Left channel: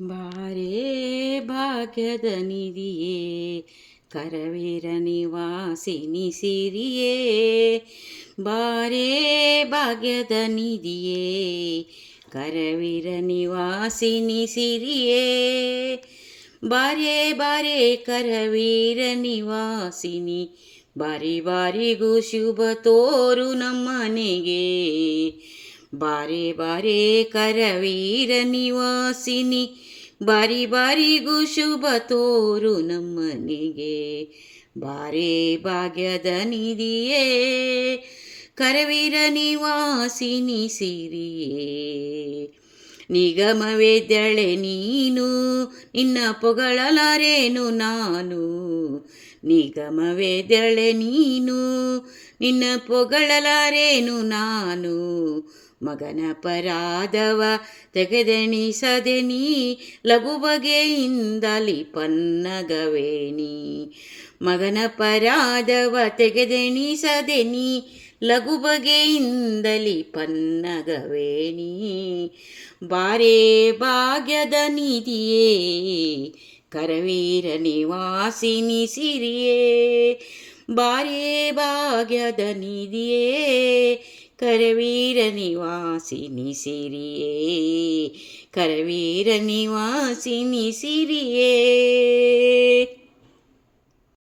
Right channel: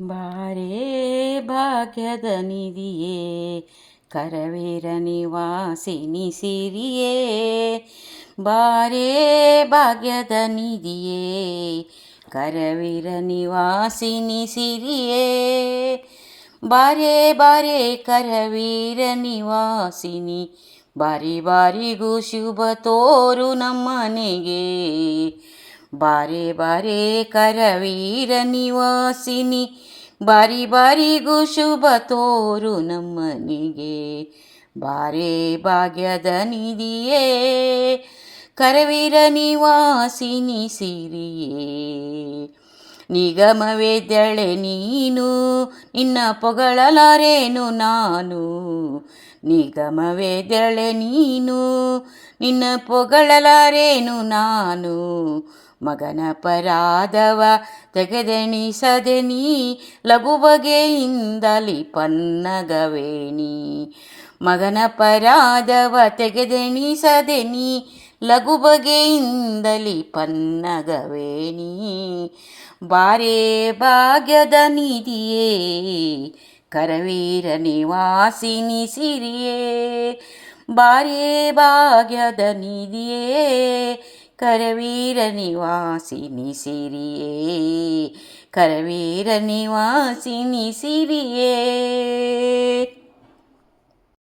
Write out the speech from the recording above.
ಬಾರೇ ಭಾಗ್ಯದ ನಿಧಿಯೇ ಕರವೀರ ನಿವಾಸಿನಿ ಸಿರಿಯೇ ಬಾರೇ ಭಾಗ್ಯದ ನಿಧಿಯೇ ಕರವೀರ ನಿವಾಸಿನಿ ಸಿರಿಯೇ ಬಾರೇ ಬಾರೇ ಕರವೀರ ನಿವಾಸಿನಿ ಬಾರಿ ಬಾರಿಗೂ ಶುಭ ತೋರು ನಮ್ಮನೆಗೆ ಬಾರೆ ಬಾರೆ ಕರವೀರ ನಿವಾಸಿನಿ ಬಾರಿ ಬಾರಿಗೂ ಶುಭ ತೋರು ನಮ್ಮನಿಗೆ ಬಾರೆ ಭಾಗ್ಯದ ನಿಧಿಯೇ ಕರವೀರ ನಿವಾಸಿನಿ ಸಿರಿಯೇ ನಿಗಮವೆದ್ದಳೆ ನೀನು ನಿನ್ನ ಪೊಗಳಲಾರೇನು ನಾನು ನಿಗಮವೆದ್ದಳೆ ನೀನು ನಿನ್ನ ಪೊಗಳಲಾರೇನು ನಾನು ಮಗನ ಪರಾದವ ತೆಗೆದೆಣಿಸದೆ ನೀ ಲಘು ಬಗೆಯಿಂದಲಿ ಪನ್ನಗವೇಣಿ ಮಗನ ಪರಾದವ ತೆಗೆದೆಣಿಸದೆ ನೀ ಲಘು ಬಗೆಯಿಂದಲಿ ಪನ್ನಗವೇಣಿ ಬಾರೇ ಭಾಗ್ಯದ ನಿಧಿಯೇ ಕರವೀರ ನಿವಾಸಿನಿ ಸಿರಿಯೇ ಬಾರೇ ಭಾಗ್ಯದ ನಿಧಿಯೇ ಕರವೀರ ನಿವಾಸಿನಿ ಸಿರಿಯೇ ಕರವೀರ ನಿವಾಸಿನಿ ಸಿರಿಯೇ.